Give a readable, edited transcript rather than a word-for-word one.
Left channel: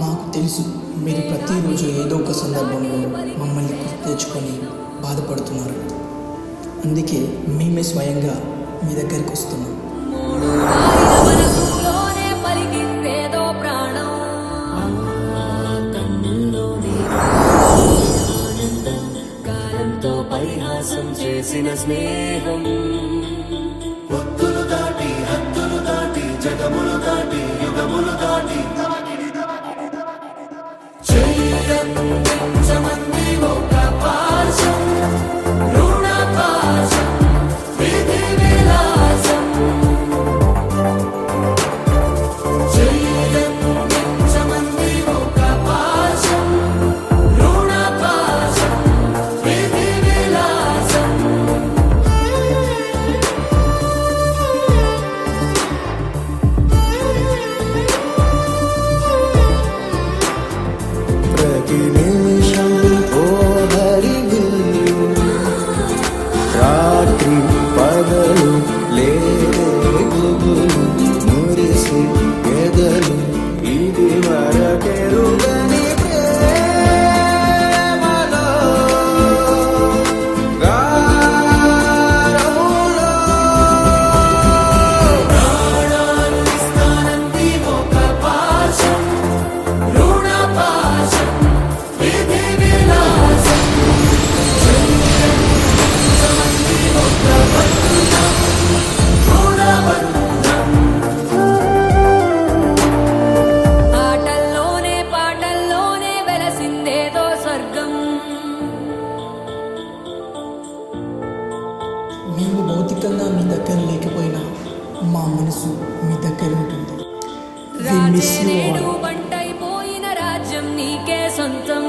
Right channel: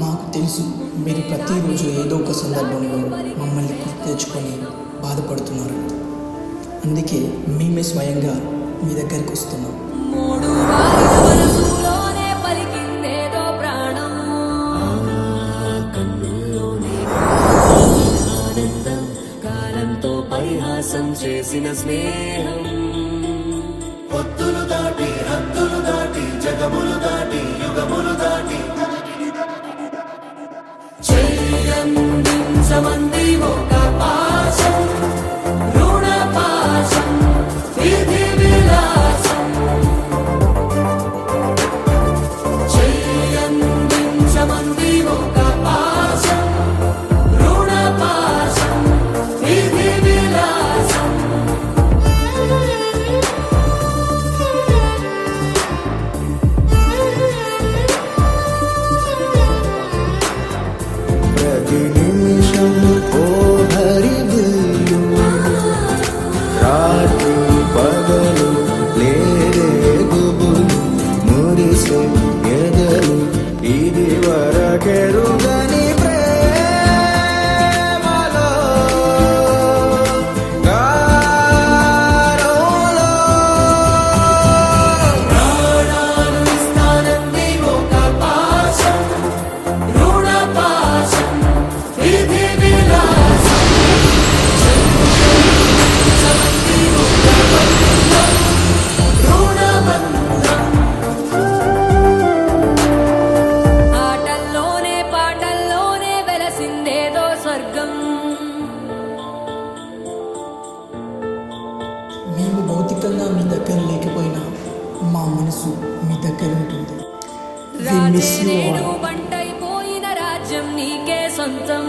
మాకు తెలుసు మీరు ప్రతిరోజు ఏదో ఒక సందర్భంలో మమ్మల్ని గుర్తు తెచ్చుకొని బాధపడుతున్నారు. అందుకే మేమే స్వయంగా మీ దగ్గరికి వస్తున్నాం. చేసిన స్నేహం పొత్తులు దాటి హద్దులు దాటి జగములు దాటి యుగములు దాటి చెయ్యందించమంది ఒక పాశం రుణ పాశం విధి విలాసం చెయ్యందించమంది ఒక పాశం రుణ పాశం విధి విలాసం ప్రతి నిమిషం ఓ హరిగులు రాత్రి పగలు లేగుబులు మురిసే ఎదలు ఇది వరకెరుగని ప్రేమలో గాలోలో ప్రాణాలు ఇస్తానంది ఒక పాశం రుణ పాశం విధి విలాసం చెయ్యందించమంది ఒక బంధం రుణబంధం ఆటల్లోనే పాటల్లోనే వెలసిందేదో స్వర్గం. మేము భౌతికంగా మీ దగ్గర లేకపోయినా మా మనసు మీ దగ్గర ఉంటుంది. We miss రాజే you నేడు all. బంటైపోయిన రాజ్యం నీకే సొంతం.